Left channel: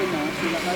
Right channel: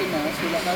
Pinas, sila ka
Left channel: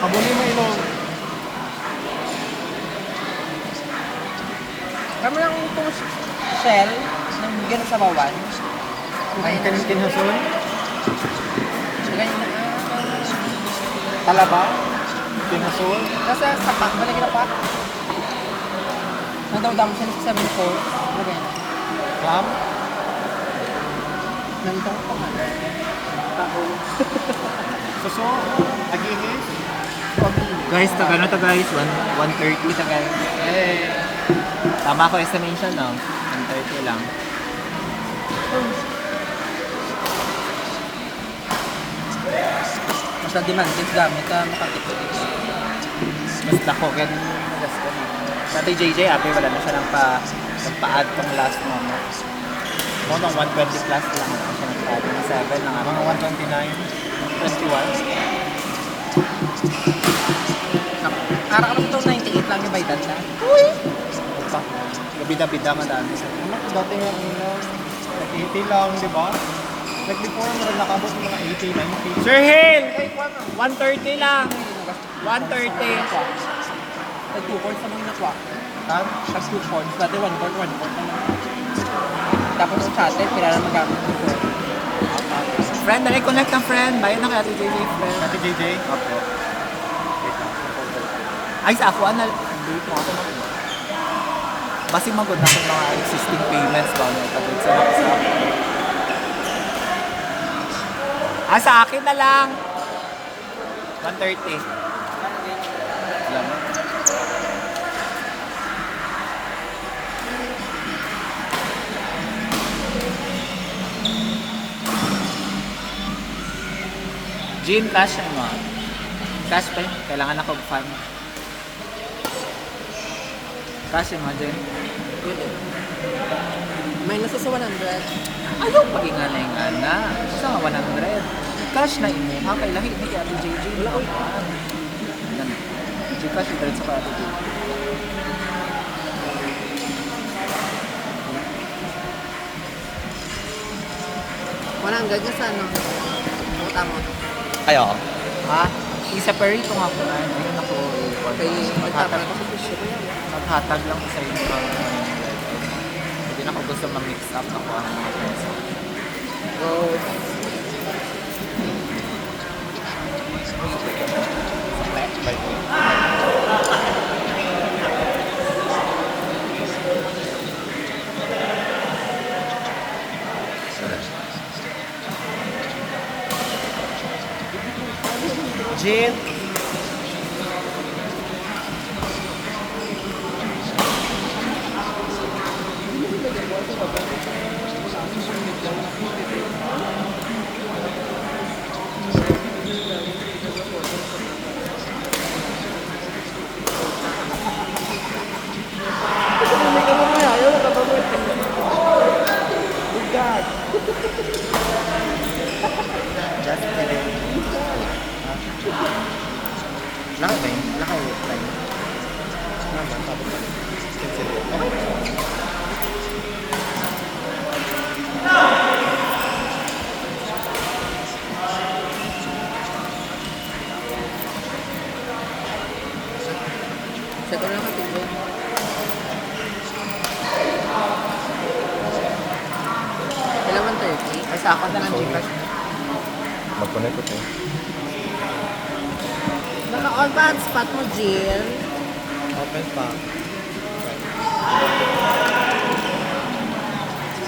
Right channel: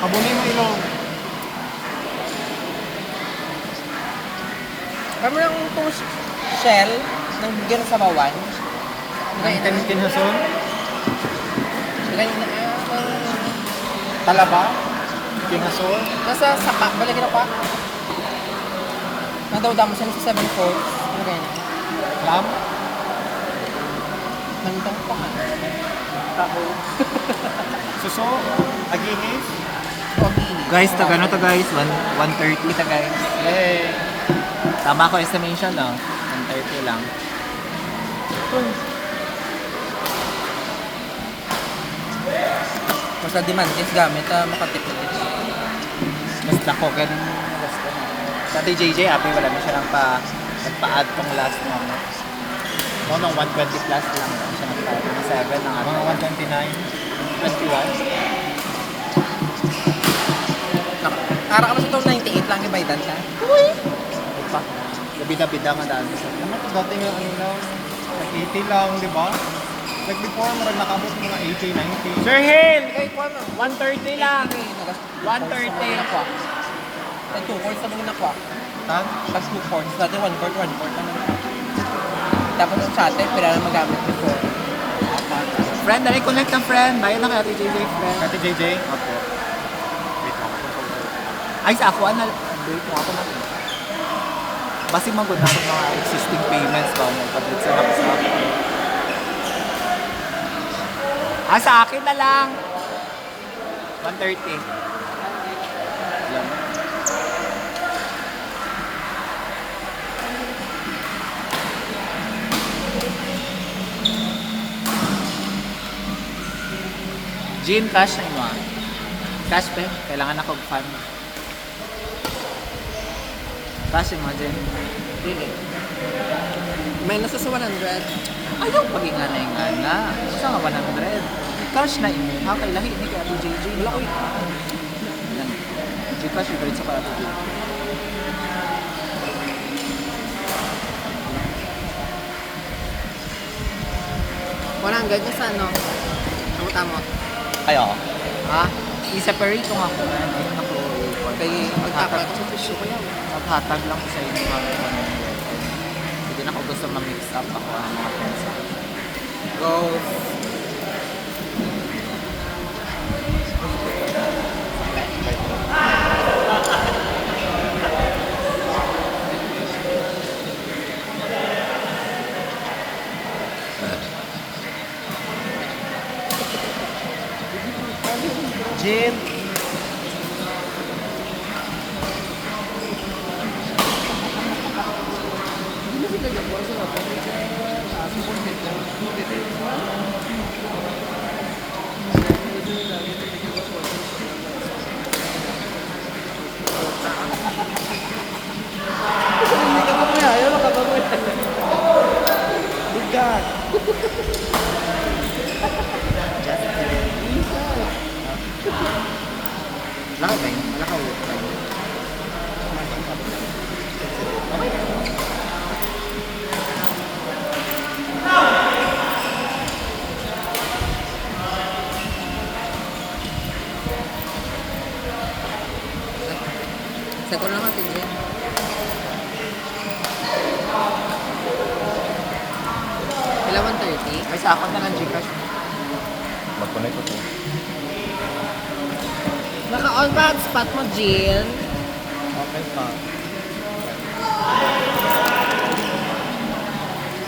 Abulin mo ilo. Kami yung itong shell ng bigyan sa bawan. Ang tinasun? Ganyan na yan. Talaba? Tinasun? Nasa sapak, wala ginapak. Nadaw-damo sa 7-4. Ano ganyan? Lam? Nandang pa. Suso? Aginis? Pag-ini. Guys, tagano to guys? 130 ta guys. Eh. Tama ko estimation no? 130 lang. Mas na-demand din gamit na makatipid. Mas lako kaya din gusto na. Dati JJ, wala na siya nagpa-add tong last moment. No, nung 120 plus lang siya nagpa-add. Mga 7 lang ata. Mga 129. 21. Araw ka sa 298 lang yung baydan na. Pa. Gabida-bida nga daan sa. Dati nga ang like 80 lang, di ba? Like before, meron nakabot mga 80, 90. Sir Hill! Okay, kuha mo. 130 lang! 130. Tag 2 points naman yung nakuha. Tag? Tag 2 points. Dati 1 point, 1 point. Tapos ang chatter, pila na magamit before. Friend, dali connect ng friend. Bayan na kay Ate JJ, friend. Ate JJ? Opo. Wait lang. Ay, sa ako, wait mo ako na. Basi magod na ako mga existing payments ba niya. Ipag-reason ako sa ako. Sa akin na lang. 130. Yan. Jean, cash na mo. Cash pa. Kailangan ako fund. Cash mo, Jean. May nasa sa 100. Ayaw pag-ingana-ingana. Basta nga 100. Cash na imo. Ha, kay lahi ni kay Ate JJ. Lang. Gcash, diretso kay Ate JJ. Na sa ano? Utang mo. Kayo? Ha? I-separate ko nga ko. Ayun ako. Maghatag lang ko sa inyo kami 100. Hindi na ako gusto ma-mix up ako ang mga transaction. Jin. Just kidding. Laki ba yun? Wala kayo try. Okay. Second lang natin dyan. Kailangan 30. Ay, sa ako na lang Gcash. Mag-connect ko to. Naka-on pa ang spot mo, Jill. Okay pa.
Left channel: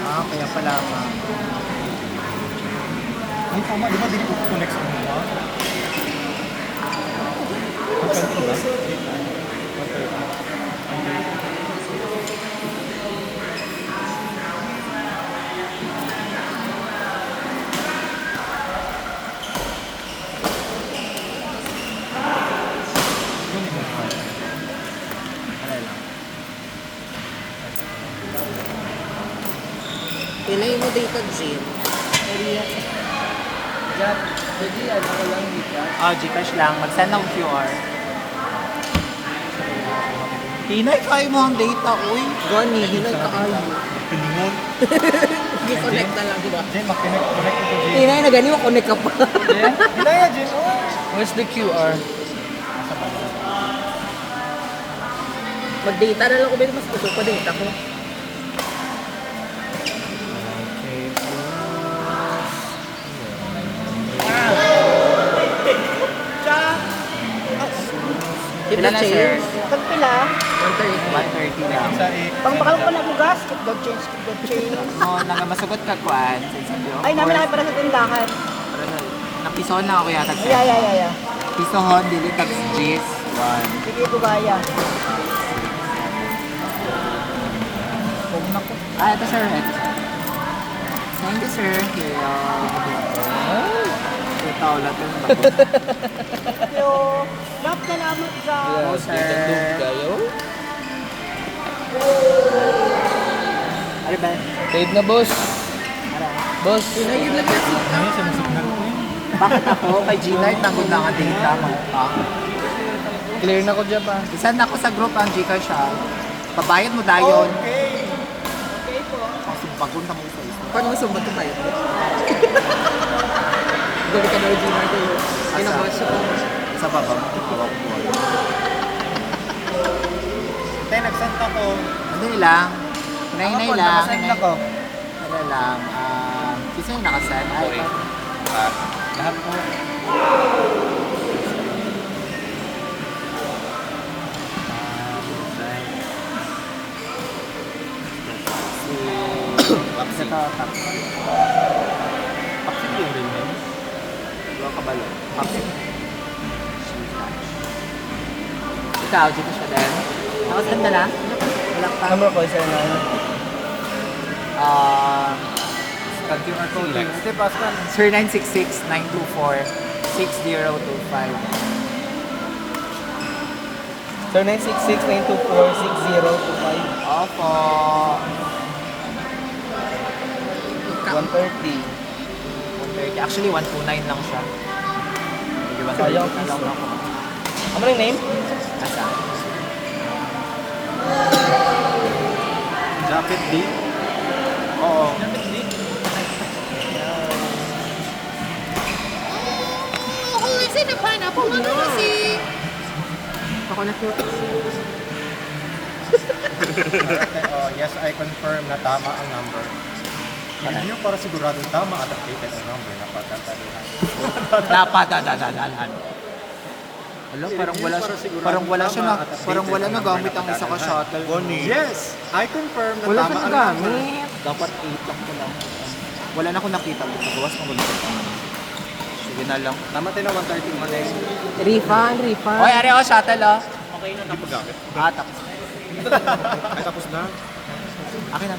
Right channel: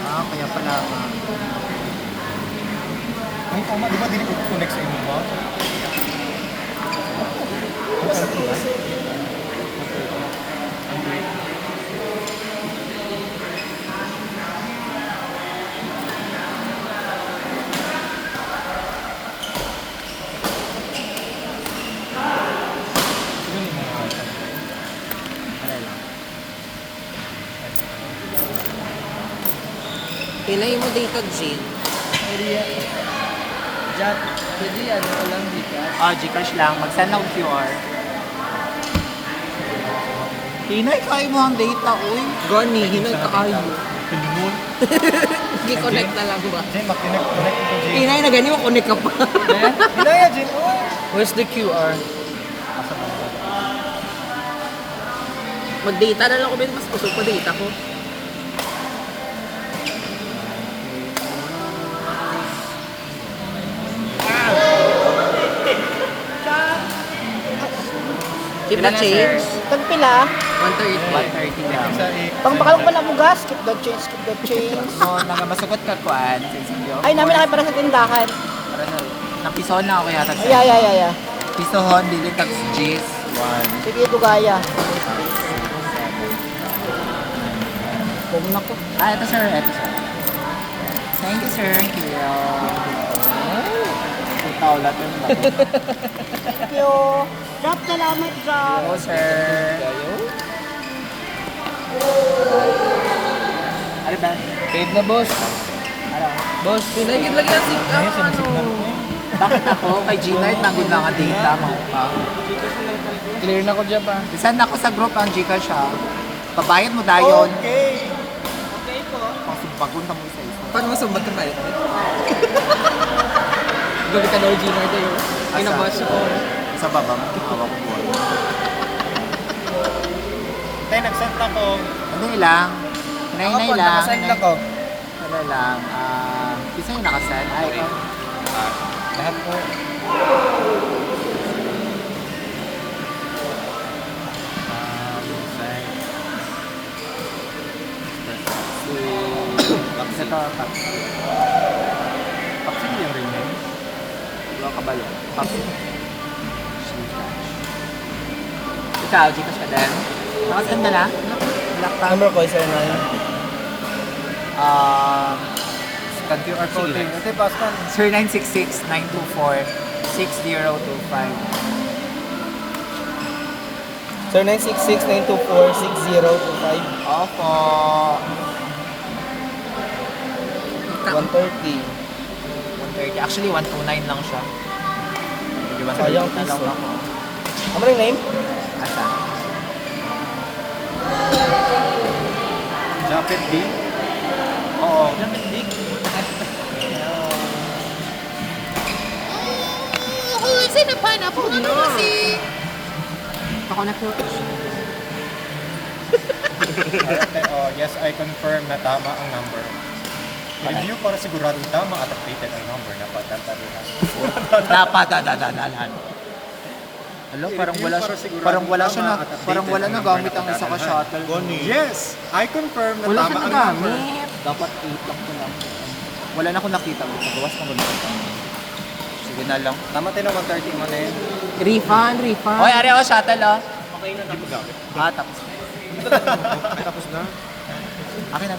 Ah, kaya pala ma. Ay, tama. Di ba din ko connect sa inyo ba? Pare lang. Ilay mo data, Jill. Jadi, ano ko lang dito. Ah, Gcash lang. Mag-send ng QR. Hinay, kaya mo ang data, uy. Gani, hinay ka ayo. Pilingon. Gi-connect na lang, di ba? Jay, mag-connect ko to, Jay. Hinay na gani mo, connect ka pa. Daya, Jay. Where's the QR? Mag-data na lang ko, Ben. Mas gusto pa data ko. Ilan na, sir? Pag pila, 130. 130 lang. pag bakal ko lang gas, skip the change. No, nagmasugot ka kuan. Ay, namin na kayo para sa tindahan. Para na. Napisohon na ako yata. Ay. Pisohon, dili tax G's. 1. Sige, ito gaya. Ah, ito sir. Ito sir. Thank you sir. Kaya. Ito ulat yung bako. Thank you. Drop salamat sa... Hello sir. Ano ba? Paid na, boss. Ano? Boss, pinagin lang yan. Ay, sinusignal ko. Bakit ako? Kay G-Light nagod na nga data mo pa. Clear na ko dyan pa. Isend ako sa group ang Gcash ha. Pabayad mo dayon. Okay. Kasi bagon na mo sa isa. Paano mo sumbat ka tayo? Gabi ka na original natin. Kinabas ko. Sa baba mo. Hawak ko po. Tay, nag-send ako. Ano lang? Hinay-hinay lang. Nag-send ako. Ano lang. Isa yung nakasend. Ay, ikaw. Lahat po. Tapos ito, tapos. Actually, yung rin yun. Dua kabalo. Tapos. Ikaw, dito siya din. Nakasend ka na? Wala pa. Number ko, sir, na yun. Pag-QR code. Ito, Pascal. Sir 966-924-6025. Sir, 966-924-6025. Opo. 130. 130. Actually, 129 lang siya. Di ba? Sayang na lang piso. ako. Ano yung name? Asa? Jacket D. Oo. Ako kasi napana po. Ano kasi? Ako na po. Oh, yes, I confirm na tama ang number. Hindi nyo para sigurado tama at updated ang number na patataluhan. Napadadadadalan. Alam, parang wala na gamit ang isa ka shuttle. Yes, I confirm na Wala tama siya ang number. nagamit. Dapat 8 lang ko lang. Wala na akong nakita. Gawas ko muna. Sige na lang. Tama tayo na 130 mo na yun. Refund. Oy, ari ako shuttle oh. Okay na napagamit. Ah, tapos. Tapos na. Akin na.